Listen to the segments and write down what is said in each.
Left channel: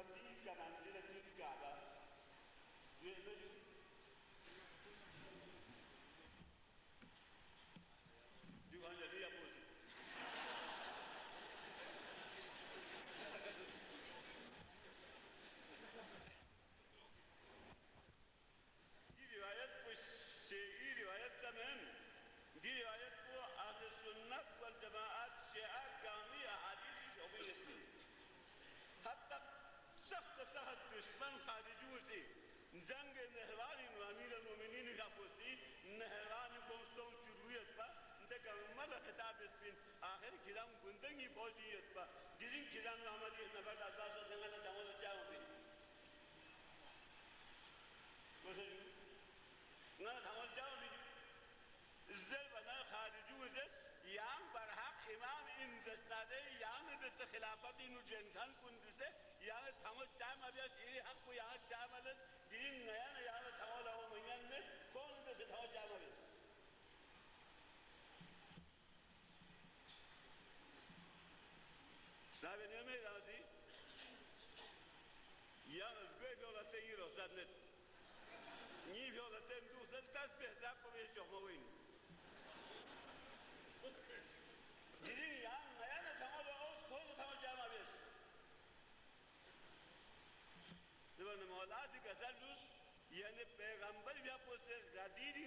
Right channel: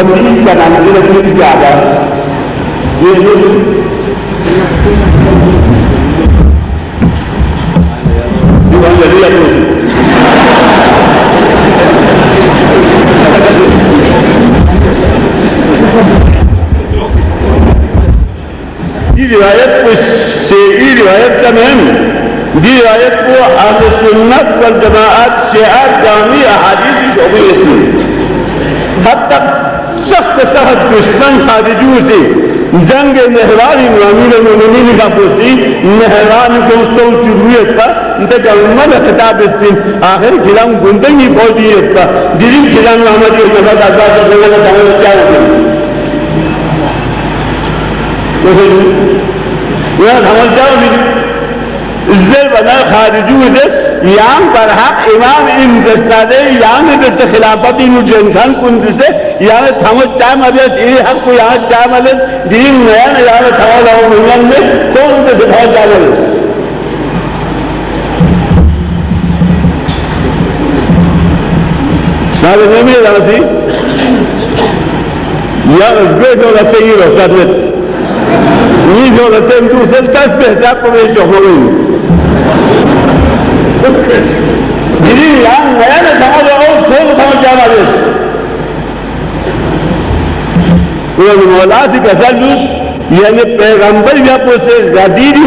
أمتي كمنزلة الكعبة الذي يقول ये रिवायत ये रिवायत का महम ये रिवायत को अहले सुन्नत वल जमाअत शिआत जामी अहादीस की शोबे में हद तक सख्त सख्त दुश्मन खारिजू से जंग नहरान अमीर मोमिनीन का पोसी नहरान को उसको चुरुयत का इंतका उम्मत खिताब इस्तीन आखिर खिलाम गुंदगी फौजियत का दिली खिलाम हमारी नफात आजाद करने का दावा क्या होगा यह समझ जाओ इज्जत बना खारिजू से याम पर हक इमाम इन दस्तादे याम दस्त खिलाफत इन जन खान कुंद से याम थमत चाय मदद ये हक को यहाँ चाय मदद दीन नया न याम थमा लाओ मिलन में कौन से दिखा जावे सारे में राजी या उसके जो लगते ही रोशत में ये जो लगते हैं दूसरे दस पे हिसाब को भी शोभोगे दिली याम नया न थमा लाओ उसको थमा चाय मदद मौला से कसलुस यानी पैगंबर या पोसे गदीरी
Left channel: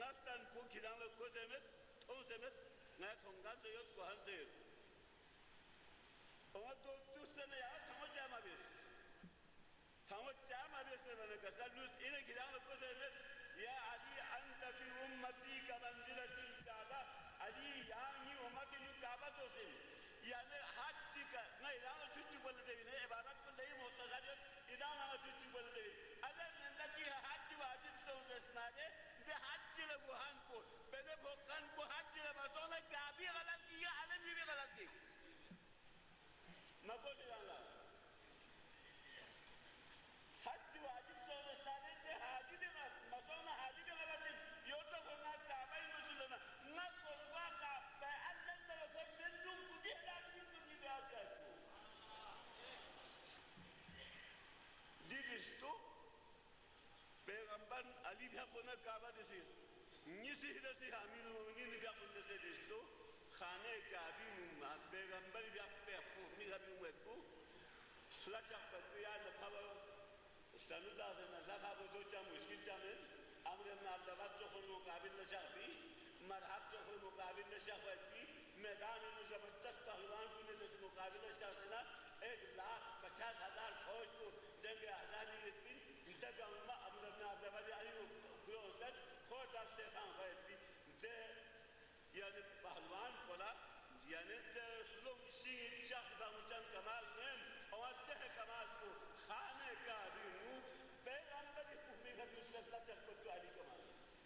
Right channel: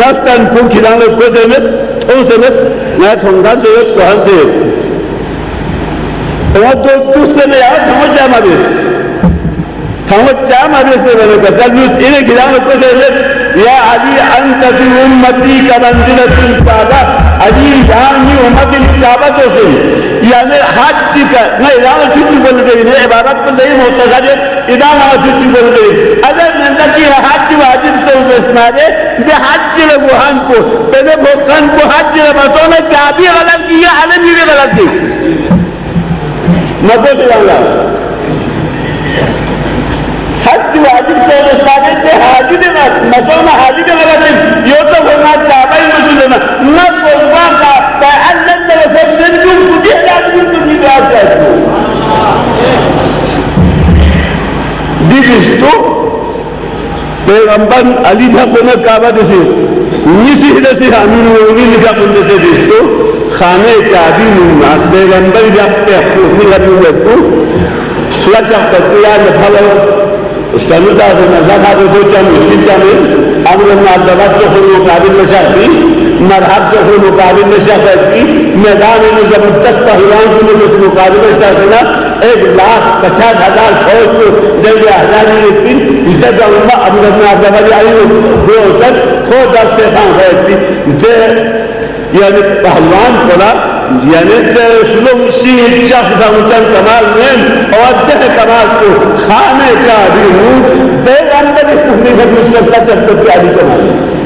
नस्तन को खिलाने को से में तो से में ना थोंगा से तो हम से तो तुझसे ने यार समझ जा मदेश से मैंने कसलुस इन्हें खिलाने को से या अली अंत फी उम्मती का मंजिलतुल काबा अली यानी उम्मती काबा तो से यानी हज का नहीं इदाम छुट्टी बोल रही है इबादत पर नहीं होता है इदाम छुट्टी बोल रही अगर नंदकी हज वाजिब से उस्माने बे हज ले बुहान को बे भोकन को हज ले बसोने क्या भी गलत किया आलम भी गलत की मदद वाला हज वाजिब से उस्माने के हाजिर मसोना हाजिर गलत यो तो होना काबा ही मसला ना बोलवा का अल्लाह ने फजल जो मुझे आदमी को नहीं बात है दिस्तो पैगंबर अली था कोने काबा से निसी से अमीर होगी लिखा बंदे से दिस्तो खाने काबी मुन्ना पैगंबर जब पे अपनी लगी को सुलझा करते यार फलो उसका से नज़ा दो चम मुश्किल में अमर नादवत को खुद मुकाबिल में शादी मरहब को खुद मुकाबिल में शादी मैदान में जबरदस्त पहलवान को मुझे मुकाबिल में शादी 1,50,000 फौज को जब आजादी लेती इसे जो अमर नादवत आई वो सर खो दस से यानी पहलवान बोला यानी शुलूम शीर शख्स मुचन कमाल में और दह कमाल को खाने का भी हूँ पैगंबर इस मुस्तफा चलते प्यारी कमाल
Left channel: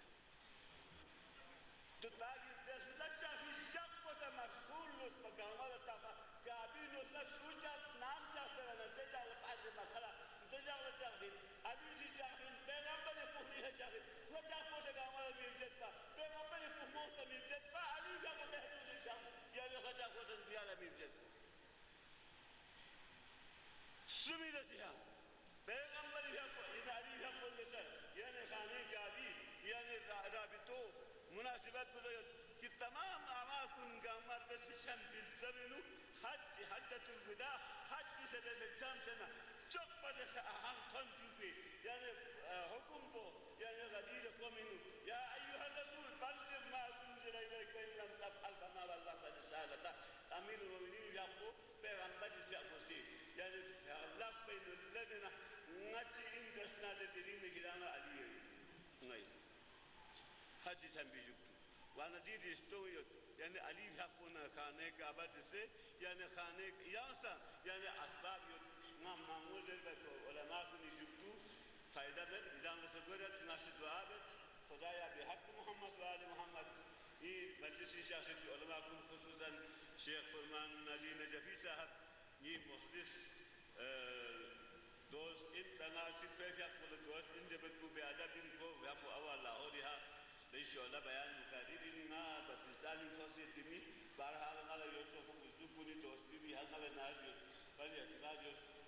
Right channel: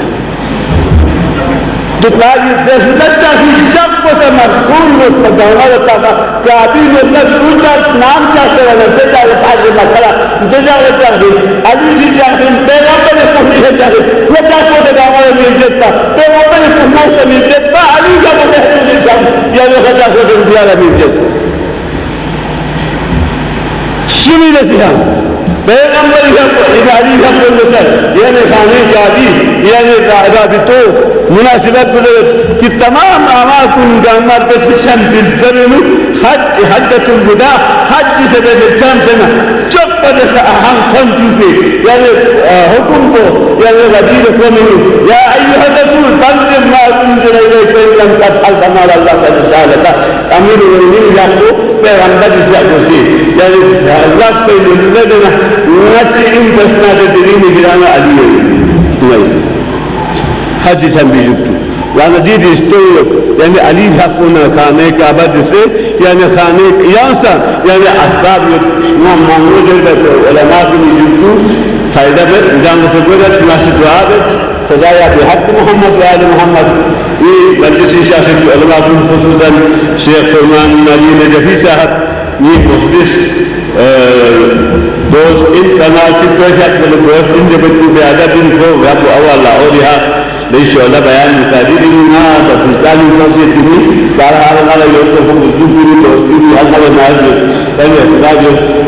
तो ताकि दशलता की सबको से मरकूल मुस्तफा होता था कि अभी मतलब दूसरा नाम चाहते रहे से चाहे आज मसला दूसरा चाहते अभी जी चाहते पैगंबर ने पूछी है चाहते ये चाहते थे गाँव में इज्जत था पैगंबर ने पूछना से इज्जत था अली का बोले या वो खता को दिया रहा इज्जत शिवी नसीहा पैगंबर इबादी का बोलता यानी खाने का भी यानी राबितो मुनासिबत कि तमाम आमाकुन गामर बसिशन बिलजरनु हज्जतुल वदा हज से बेचम से ना चुप पर हम कौन चुके यानी हुकुम को यानी वजीर को मिलू या अय्युहा रसूल बल्लिग मा उनज़िला इलैका इन लम तफ़अल फमा अल्लाह क़द सअलका अमीरुल मोमिनीन याको पैगंबर से यानी अल्लाह के लदना नच इन बसना के दिन गिराना अली है हज संबिजुतु यानी दीद इस्तोय यानी अली हकुना खाने का बद से यानी खाने यासा यानी असबाब ना मांगो जब उलमा की जुतु फायदा में जान से गुजर नाशिद दुआब खुदाया बिहक मोहम्मद व आले मोहम्मद ये मजलिस शायख उलमा की खुसूसन शेख फरमान अली नजफी साहब ये मुखलिस दोस्त इन तनासिब को शक्ल दोस्त इन जब पे अदब इनको रब अवला और यहां ليش ولا بيان مكاديرنا بفستان المسجد دي قال هذا لا يوقف الدكتور والدكتور هذا ما पहले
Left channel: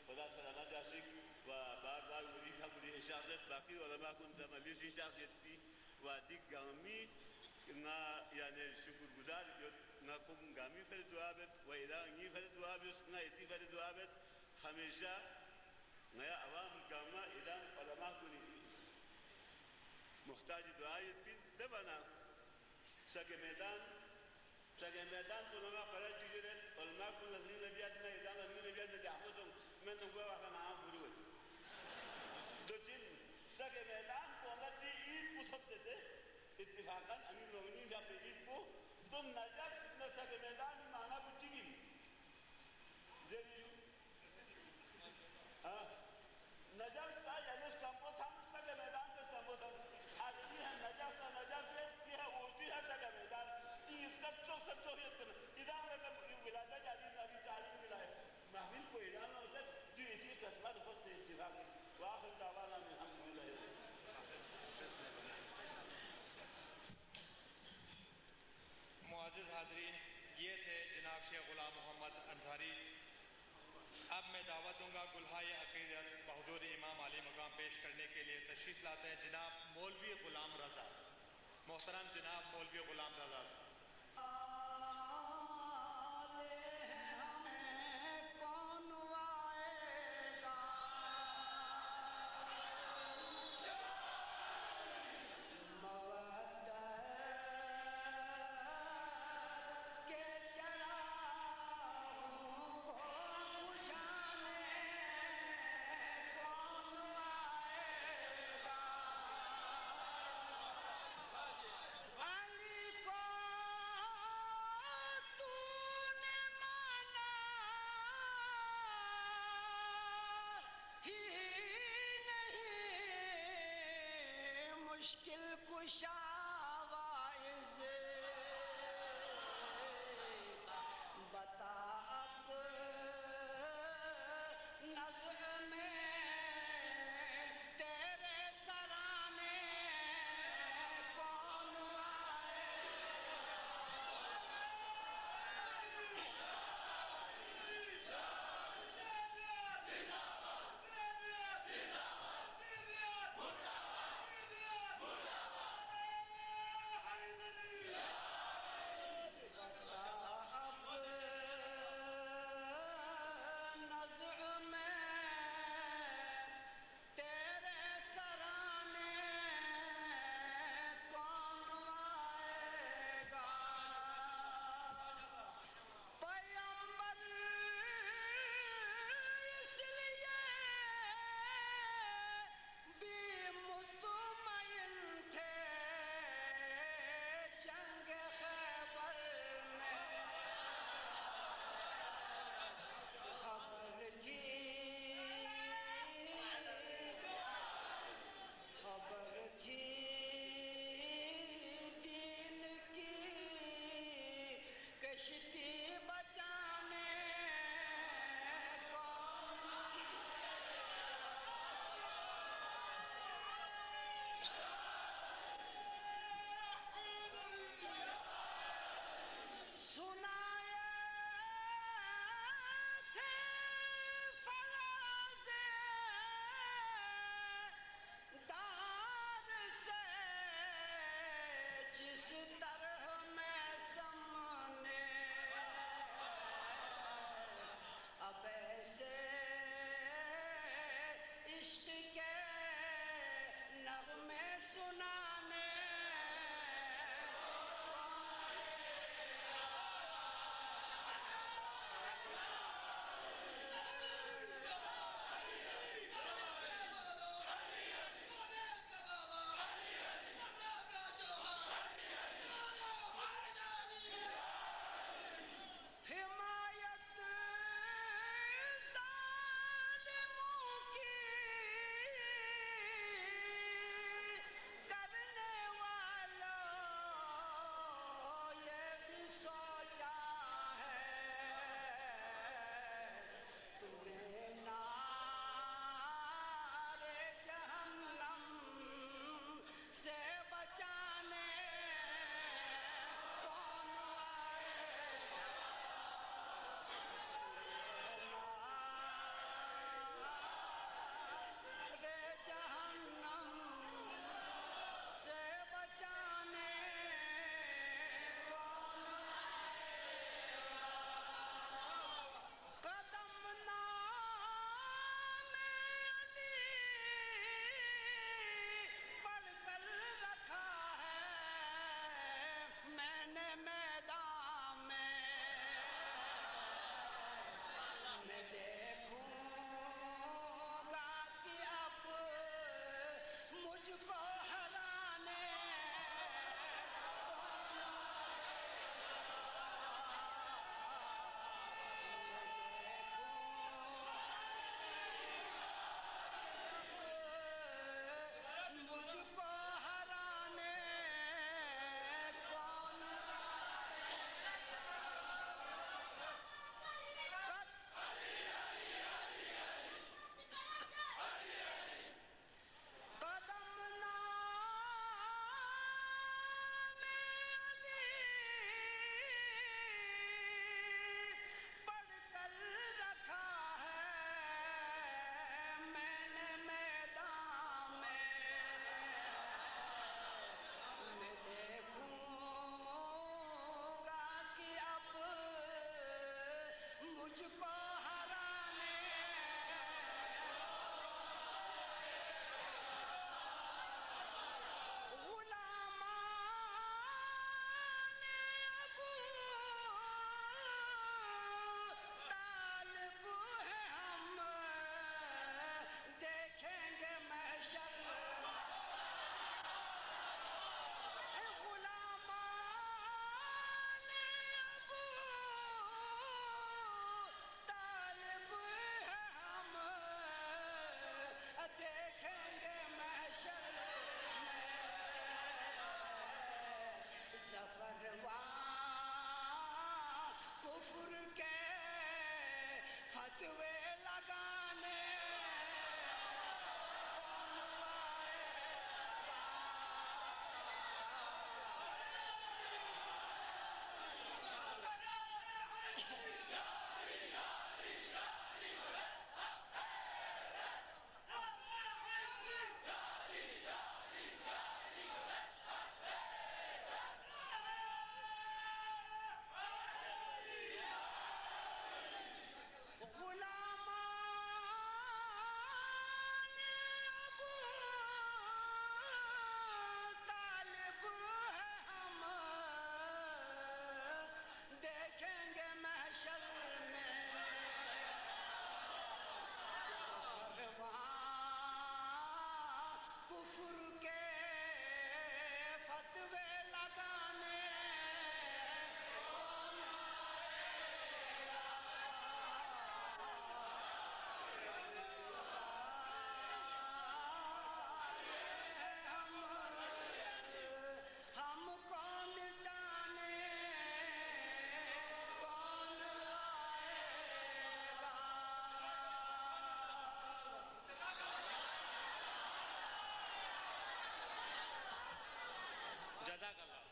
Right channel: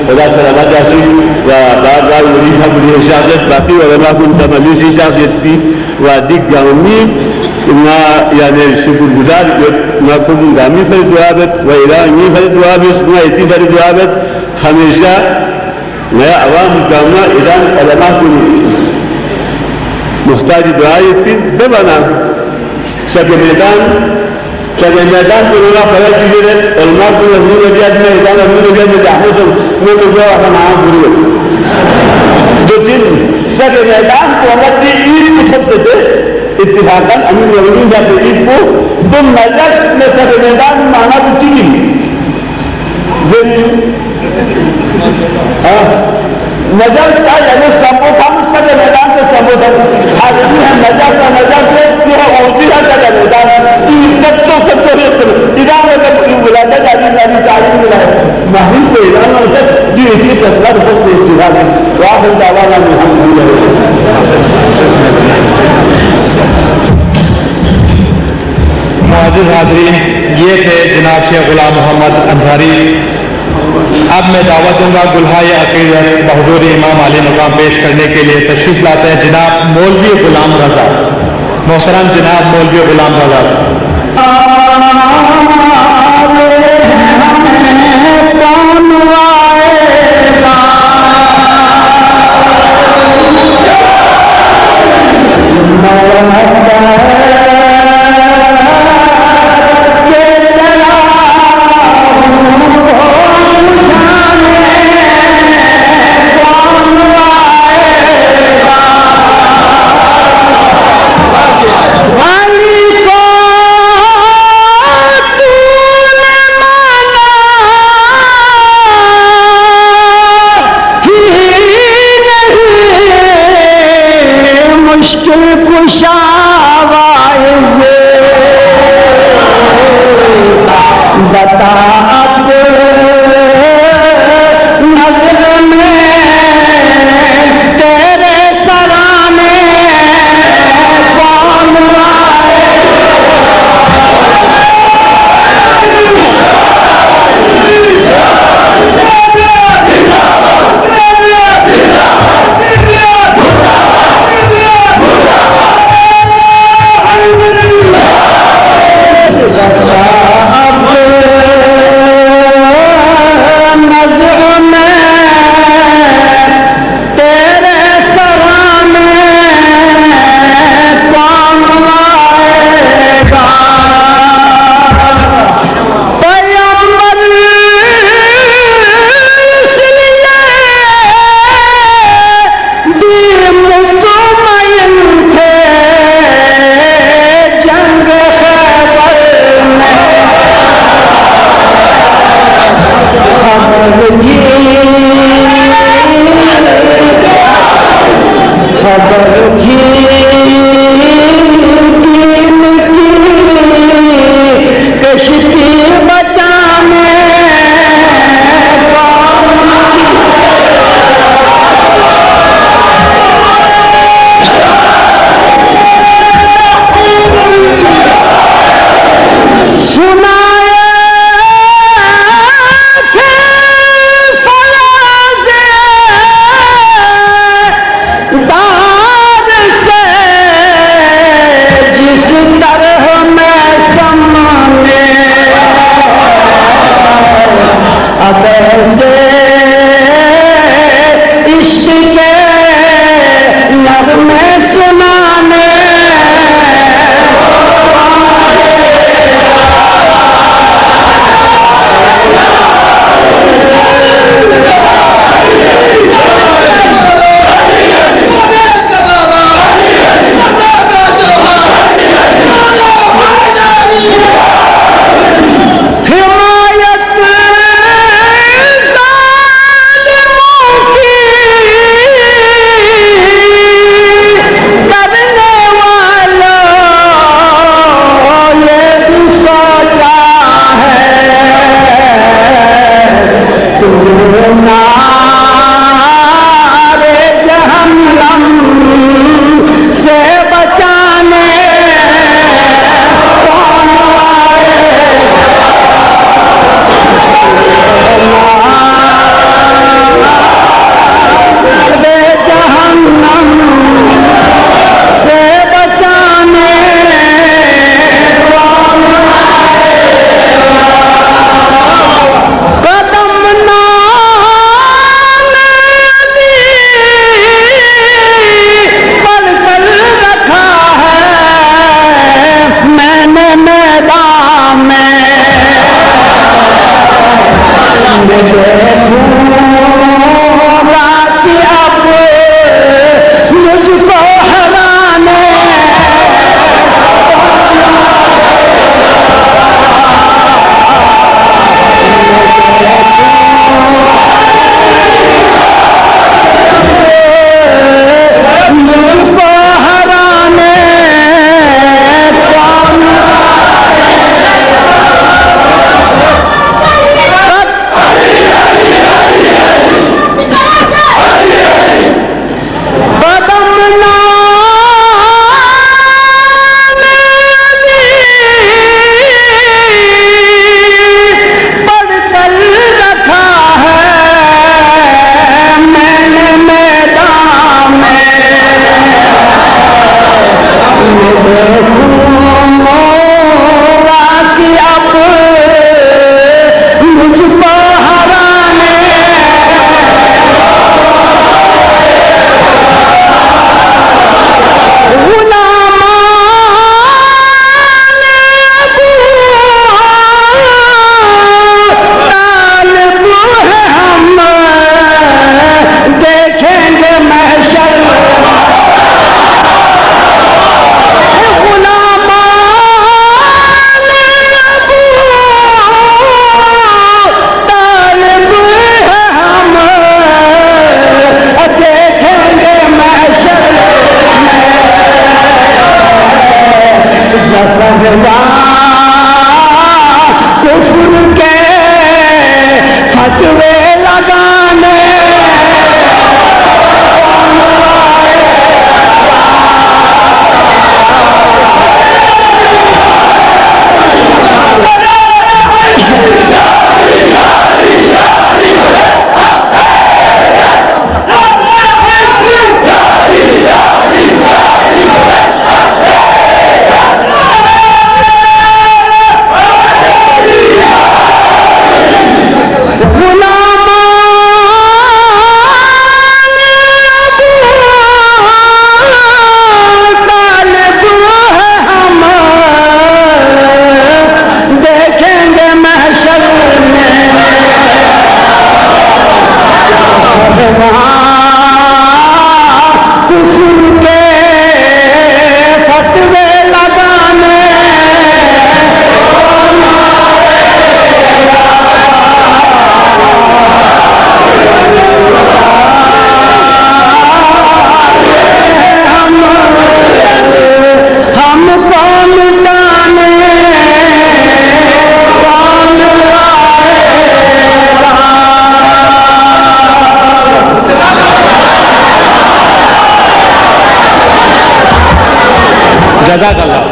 खुदा सलामत जासी व बार बार वजीफा बड़ी शाखत बाकी वगैरह कुन तमलीसी शाखत व दिग गामी ना यानी शुक्रगुजार ना कुम गामी फर दुआबत व इलाही फर दुआबत ना इतनी फर दुआबत हमेशा नया अवाम कामना इलान अलमा कुन मुख्ताज दुआई फिर दबाना सके मैदान को लोग पता कीजिए और माँ को अभी वजह में इलान अभी वजह में जाने तो वो तो जो अपना नाम पूरी दो दिन सके मैदान को अगर ईद की सबसे दे इत्तेफाकन अमीर वजीर जाते ईद को तो मजलिस में सके मैदान माना तो चीज़ नजर का यानी संबोधन सके मैदान से संबोधन आदमी है नजर का नजर से जो होती है सके मैदान की इज्जत तो सबको इरान में बुलाता जाती नबी तारीफ में है महल को इरान से जो इसी तस्वीर को इस्तेमाल है वाह दावाना में हम मुअज़्ज़िज़ हाज़रीन, ये थे जनाब शेख गुलाम मोहम्मद अंसारी। अब मैं दावत दूंगा गुलहाए अक़ीदत बहुज़ूर इमाम आली मकाम पेश करने के लिए तशरीफ लाते हैं जनाब मौलवी गुलाम रज़ा। मोहतरम जनाब मौलवी गुलाम रज़ा साहब।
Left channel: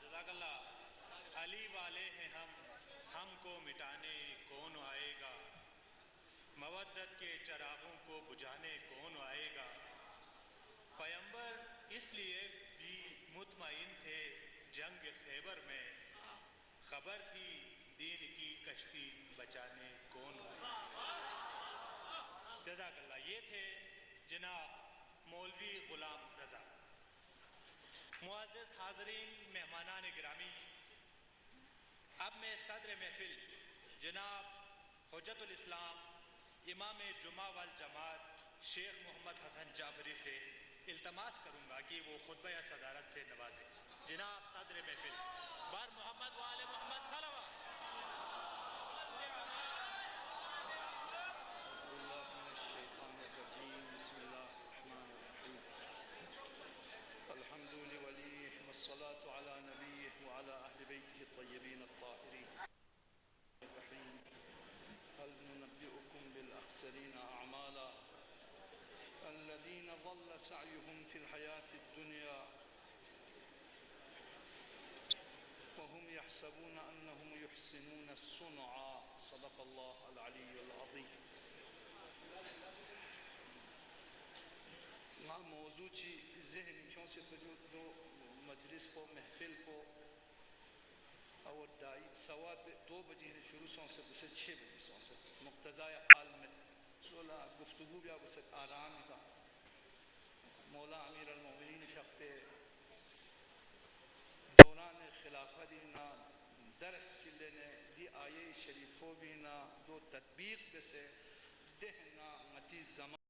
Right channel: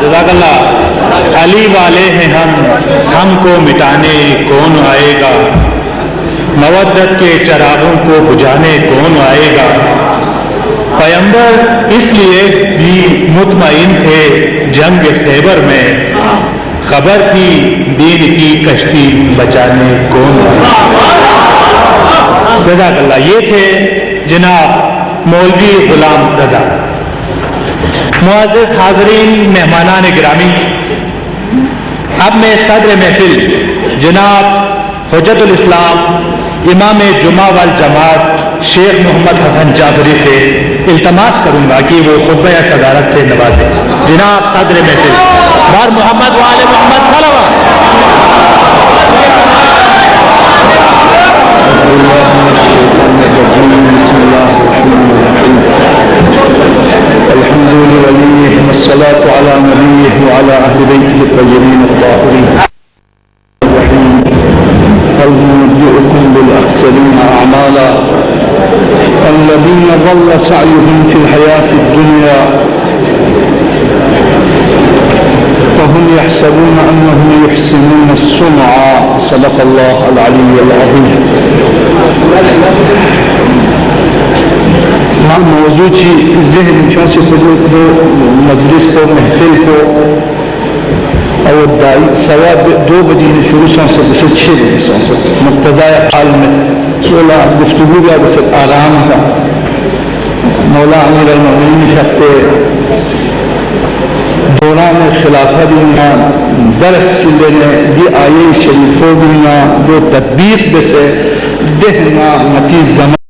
जज़ाकल्लाह। अली वाले हैं हम, हमको मिटाने कौन आएगा, मवद्दत के चरागों को बुझाने कौन आएगा। पैगंबर इसलिए भी मुतमईन थे जंग खैबर में, खबर थी दीन की कश्ती बचाने कौन आएगा। जज़ाकल्लाह। ये थे जनाब मौलवी गुलाम रजा। मुअज़्ज़िज़ हाज़रीन, मेहमानान गिरामी, अब मैं सदर महफिल जनाब हुज्जतुल इस्लाम इमाम जुमा वल जमात शेख मोहम्मद हसन जाफरी से इल्तमास करूंगा कि वो खुतबा सदारत से नवाजे। जनाब सदर महफिल बार मोहम्मद वाले मोहम्मद सलवात। الصلاة على نبيه وعلى أهل بيته الطيبين الطاهرين. هل ننبئكم بالأخسرين أعمالا الذين ضل سعيهم في الحياة الدنيا وهم يحسبون أنهم يحسنون الصنعا. صدق الله العلي العظيم. موضوع की जहन से मजलिस को महफिल को और सवा 2 बजे शुरू से 6 बजे से मुक्तज़ा हाल में थोड़ा गुफ्तगू का बस आराम का मौला अमीर अल-मोमिनीन शख्ते दौरान खिलाफत में दरस लेने दी आये शरीफों में दो तदबीक बसे दहना मती जमा